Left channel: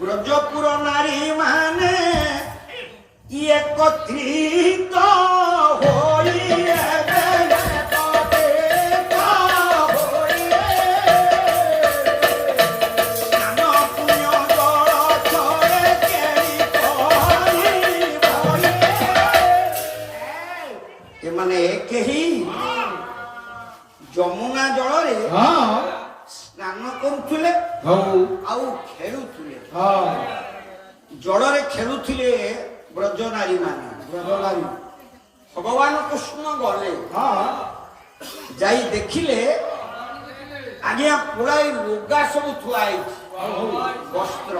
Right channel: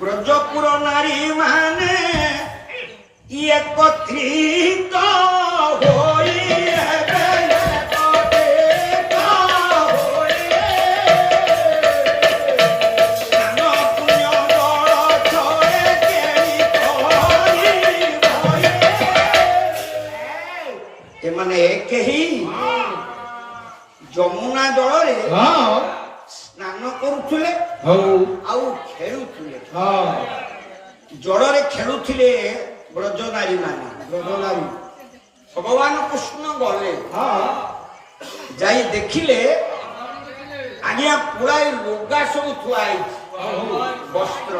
ব্রজপুর নারী মানে একত্রিত হই এମାନେ କେହି ଯମୁନା ଜଳରେ ସ୍ନାନ କରୁଥିଲେ ଆଉ ଖେଳୁଥିଲେ ଜଳରେ ଖେଳୁଥିଲେ ବ୍ରଜନାରୀ ମାନେ ଭଗବାନ କୃଷ୍ଣ ଗଲେ ଯାଇ ଦେଖିଲେ ଆଜ୍ଞା ପୁଳାଏ ଲୁଗା ସବୁ ଥୁଆ ହେଇଛି ବସ୍ତ୍ର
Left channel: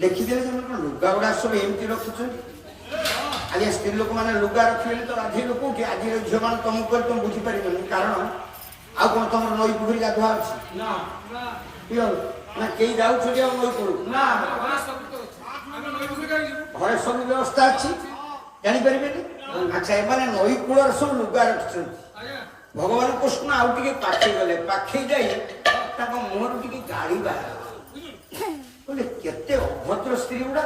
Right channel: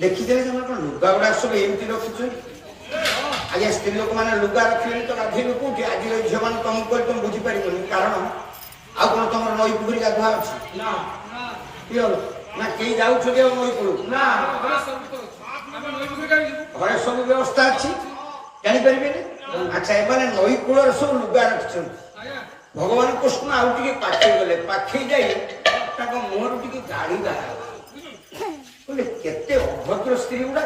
ଦେଖିଥିଲେ ସେମାନେ ଲୁଗା ଗୁଡା ସବୁ ଏମିତି ରଖୁଛନ୍ତି ଆଜ୍ଞା ସ୍ତ୍ରୀ ଲୋକମାନେ ଲୁଗା ରଖିଲେ ତ ରାଧିବେ କୋଉଠି ଆଜିର ଝିଅମାନେ ତମକୁ କରି ତମେ ବୁଝିପାରିବନି କାରଣ ଆଉ କଣ ତମର ନଈ ପୋଖରୀ ଗାଧୁଆ ଅଛି ନା କେହି ଯାଉଛନ୍ତି ଆଉ ନଈ କୂଳକୁ ଘରେ ସବୁ ବ୍ୟବସ୍ଥା ଅଛି ଜାଣିପାରିବେନି ଆଚ୍ଛା ଏମାନେ ନଈ କୂଳରେ ସବୁ ଲୁଗା ରଖିଛନ୍ତି ଭଗବାନ କୃଷ୍ଣ ଆଉ ଟିକେ ପାଖେଇ ଗଲେ ପାଖେଇ ଯାଇ ତାଙ୍କ ମୁହଁରୁ ଟିକେ ଗାଳି ବାହାରିଲା କେତେ ଅଭଦ୍ର ସ୍ତ୍ରୀ ଗୁଡା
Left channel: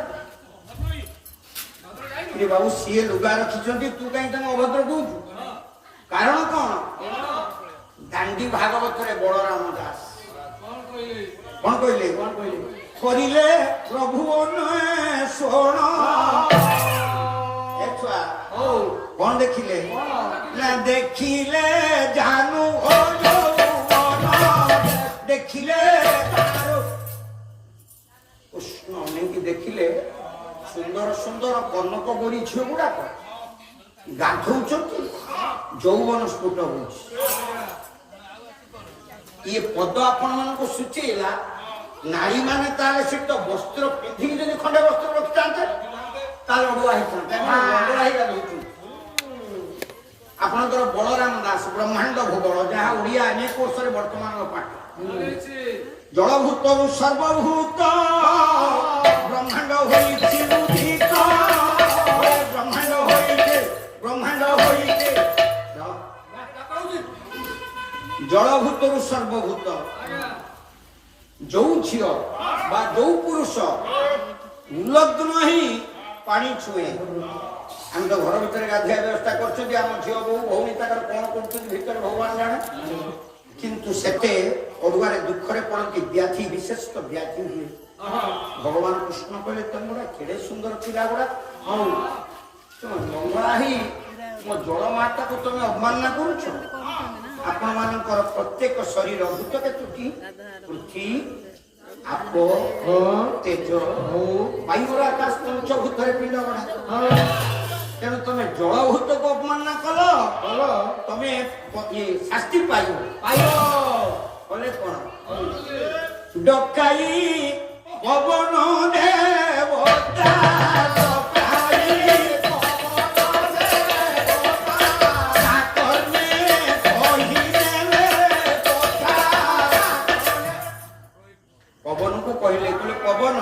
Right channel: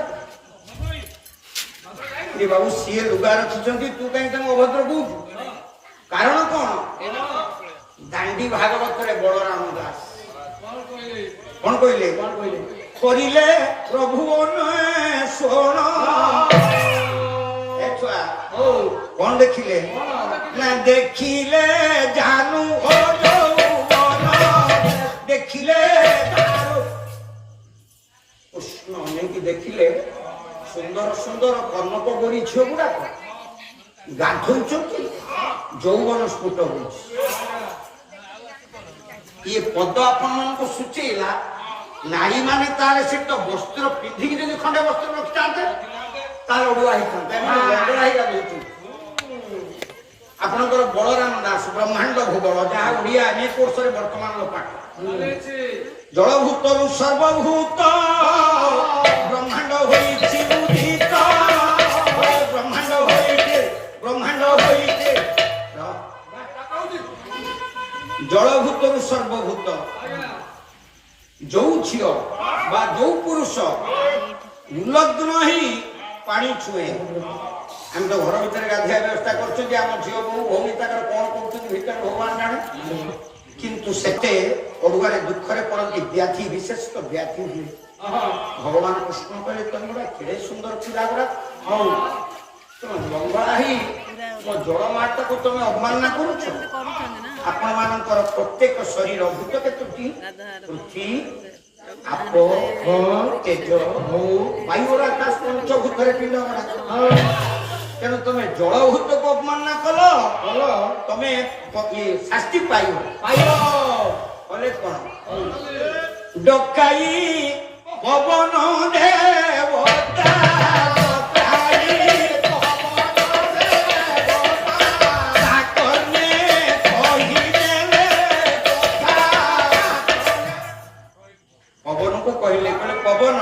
ବାବୁ ସିଏ ଲୁଗା ରଖିଛନ୍ତି ତୁ କାହିଁକି ତାଙ୍କୁ ଅଭଦ୍ର କହୁଛୁ କାରଣ କଣ ଦାଣ୍ଡି ଭାଗବତରେ ବଳରାମ ଦାସ କଣ କହିଲେ କରିଲେ ପ୍ରଭୁ ଶୋଣ କଣ ଦେଖିଲେ ନା ଦେଖିଲେ ଜାନୁ ଦେଖିଲେ କୃଷ୍ଣ ନେଇକି ଦେଖିଲେ ସୁନ୍ଦର ସୁନ୍ଦର କର୍ଣ୍ଣକ ଗୋରୀ ଝିଅ ଗୁଡାକ ଗାଧଉଛନ୍ତି ଯୌବନ ସ୍ଫୁଟ ହଉଛି ଇଏ ପଦ ଆପଣମାନଙ୍କୁ ସୂଚେଇଲା ନାରୀ ମାନେ ତାହେଲେ ସେ ତ ବସ୍ତ୍ର ପିନ୍ଧିକି ଯଦି ଖଣ୍ଡେ ବସ୍ତ୍ର ରଖିଥାନ୍ତେ ତାହେଲେ ଅଡୁଆ ହେଇଥାନ୍ତେ ଆପଣଙ୍କର ବଳରାମ ଦାସ ବ୍ରହ୍ମାଣ୍ଡ ଭୂଗୋଳ ଯାହା ଓଡିଆ ଏ କୋର୍ସରେ ବର୍ତ୍ତମାନର ପାଠ ଜଳଭୂତରୁ ସର୍ବଭୂତ ବ୍ରହ୍ମାଣ୍ଡ ହୋଇଛି ବ୍ରହ୍ମାଣ୍ଡ ହୋଇଛି ଜଳଭୂତରୁ ସର୍ବଭୂତ ଯୋଉ ଝିଅ ବା ଯୋଉ ପୁରୁଷ ନିଲଗ୍ନ ହିଁ ପାଣି ଛୁଏ ଆମେ ତ ଘର ଭିତରେ ଗାଧୋଇବା ବ୍ୟବସ୍ଥା କରୁଛନ୍ତି ଆମ ଝିଅ ବୋଉ ଭଉଣୀ ତାଙ୍କର କଣ କରୁଛନ୍ତି ଭିତରେ ଭଗବାନ ଜାଣେ କିନ୍ତୁ ସେତେ ଅଡୁଆରେ ଦୁଃଖରେ ପଡନ୍ତି ବ୍ୟାଧି ବିଶେଷ ବ୍ୟାଧି ହୁଏ ଭଗବାନ କୃଷ୍ଣ କହିଲେ ତମେ ଗୁଡା କେଡେ ସୁନ୍ଦର ପିଲା ଗୁଡା ହଉ ମଙ୍ଗଳା ହିଁ ମୋ ଜଳ ମାତାକୁ ତମେ ଅବମାନନା କରୁଛ ଆପଣ ମାନଙ୍କର ପ୍ରତ୍ୟେକ ଶରୀର ଭୂତ କେତୋଟି ପୃଥ୍ୱୀ ଆପ ତେଜ ବାୟୁର ଆକାଶ ପଞ୍ଚଭୂତରେ ପିଲା ତେଣୁ ତମେ ଜଳଭୂତକୁ ଅବମାନନା କଲ ତମେ ଶାସ୍ତି ପାଇବ କଲେ କଣ ଡକାଇ ପବନ ଦେବତା ପବନକୁ କହିଲେ ପବନ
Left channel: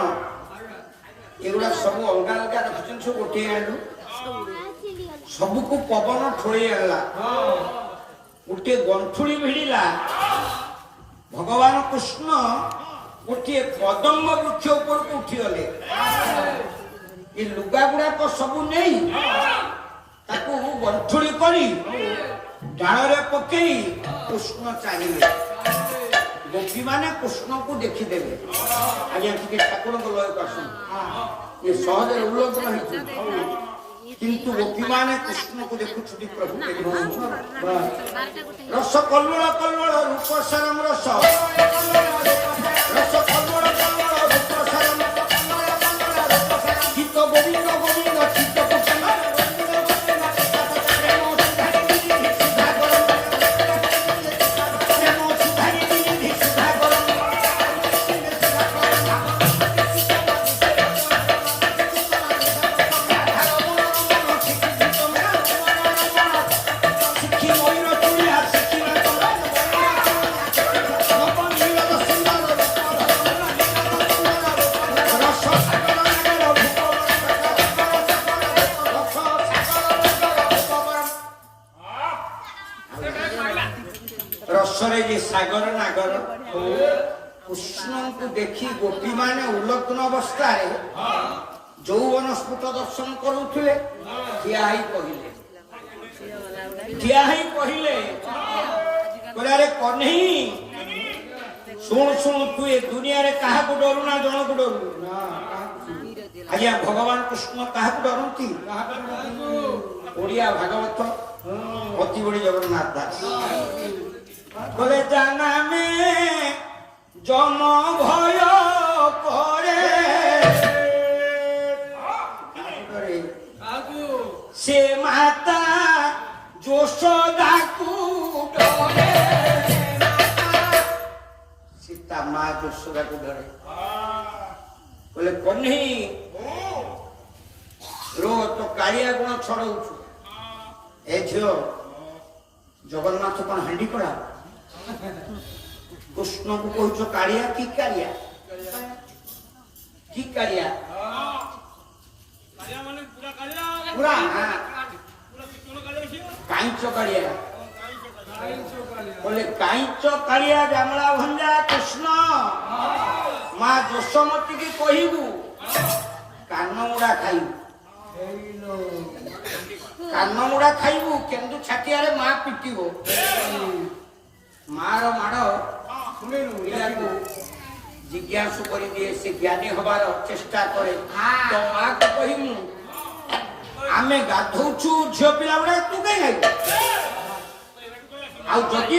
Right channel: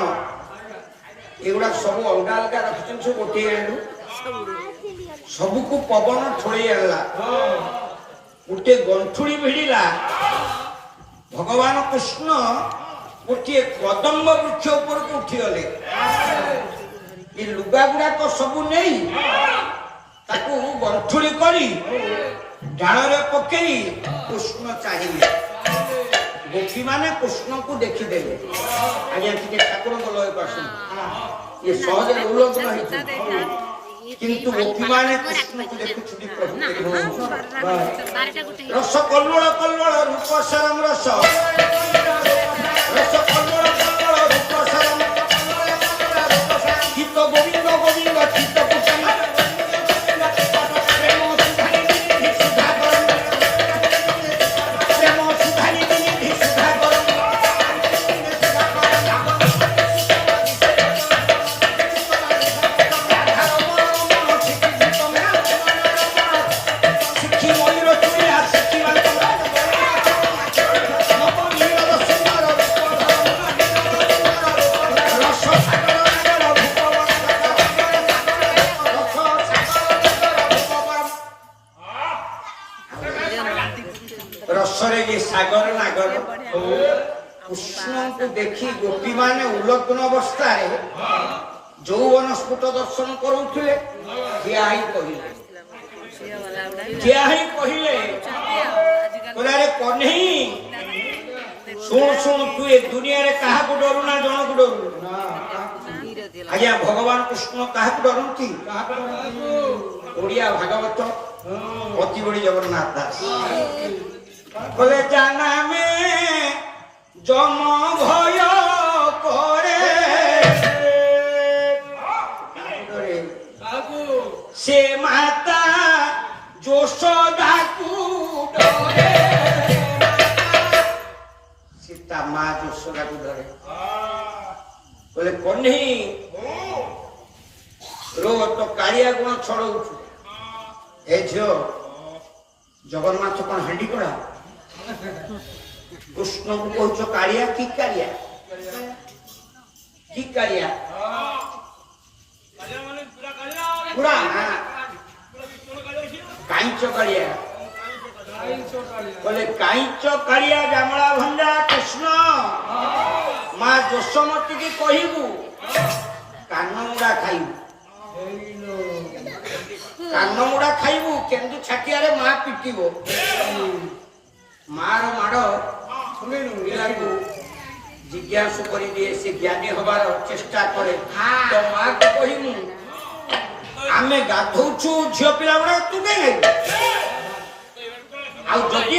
ଏଗୁଡା ସବୁ ଅଲଗା ଅଲଗା ରଖିଛନ୍ତି ସବୁ ଗୋଟିଏ ଆଣିଲୁ ସବୁକୁ ପବନ ଥୋଇ ଆଣିଲା ଗୋଟିଏ ଗଣ୍ଠୁଳି ଭିଡ଼ିଲା ଭଗବାନ କୃଷ୍ଣ ଗୋଟିଏ କଦମ୍ବ ବୃକ୍ଷ ଉପରକୁ ଉଠିଗଲେ ଏ ଲୁଗା ଗୁଡାକ ସବୁ ନେଇ ତାକୁ ଗଣ୍ଠୁଳି କରି ଡାଳରେ ପକେଇ କୃଷ୍ଣ ଚାହିଁଲେ ଗୋପୀ ମାନେ କୃଷ୍ଣକୁ ଦେଖିଦେଲେ ଆଜ୍ଞା ଟିକେ ଠାକୁରଙ୍କ ଲୟ କରୁଛନ୍ତି ଇଏ ସହଜରେ ଉଲ୍ଲଂଘନ ହେଇଛି କିନ୍ତୁ ଗୋପୀ ମାନେ କୃଷ୍ଣକୁ ଦେଖୁଛନ୍ତି ପ୍ରଭୁ ରସ କଲ୍ଲୋଳ କଲ୍ଲୋଳ ରୂପ ସରମ ରସ ରସ କଲ୍ଲୋଳ କଲ୍ଲୋଳ ରୂପ ସରମ ଚିତ୍ତ ଗୋବିନ୍ଦ ଗୋବିନ୍ଦ ଚିତ୍ତ ପୁତନ କୃଷ୍ଣଙ୍କୁ ଦେଖି ଗୋପୀମାନେ ଉଲଗ୍ନ ଅବସ୍ଥାରେ ଯୌବନ ସ୍ଫୁଟ ଦର୍ଶନ କରୁଥିଲେ। ଠିଆ ହେଇ କହିଲେ କହିଲେ କହ୍ନେଇ ଶୁଣ ଶୁଣ, ତୁ ଏ ଦୁନିଆରେ କାହାକୁ ଡରୁ ନା ଜଣକୁ ଡରୁ? ଆଜ୍ଞା ଭଗବାନ କୃଷ୍ଣ କାହାକୁ ଡରନ୍ତି? ଓଡ଼ିଆ ଭାଗବତ ଅତି ବଡ଼ି ଜଗନ୍ନାଥ ଦାସ বলে জানামে জন্ম ভয় করে সে মাতা যশোদাকু ডরে। সীতা মা যশোদাকু ডরে। বলে কন্যা রো তো কাଳିଆ গুণ ছড়াউଛୁ। ଏ ଝିଅ ଜଗନ୍ନାଥ କଣ ହାଣ୍ଡି କଳା? କୃଷ୍ଣକୁ କହୁଛ କାଳିଆ? କି କାଳିଆ? କି କାଳିଆ? ପୁରା କାଇଁଚ କାଳିଆ। ବୋଲେ କାଇଁଚ କାଳିଆ ଜାମଳା ଭଞ୍ଜା କୃଷ୍ଣ ମା ଯଶୋମତୀକି କହିବୁ କାନମୁଡ଼ା ଖାଇବୁ। କାନମୁଡ଼ା ଖାଇବୁ କେନ୍ଦୁ ଛାଟିଆରେ ମା ପିଟିବ। ମାର ମାଡ଼ ପିଲାକୁ ଜିଜ୍ଞାସୁ କରିଦିଏ, ସେ ଜ୍ଞାନୀ ହବାର ଚେଷ୍ଟା କରେ। ତ ମାକୁ କହିବୁ ଆମେ ଗାଧଉଛୁ ଝିଅ ପିଲା ଗୁଡାକ, ତୁ କାହିଁ ଆଉ ଯଦି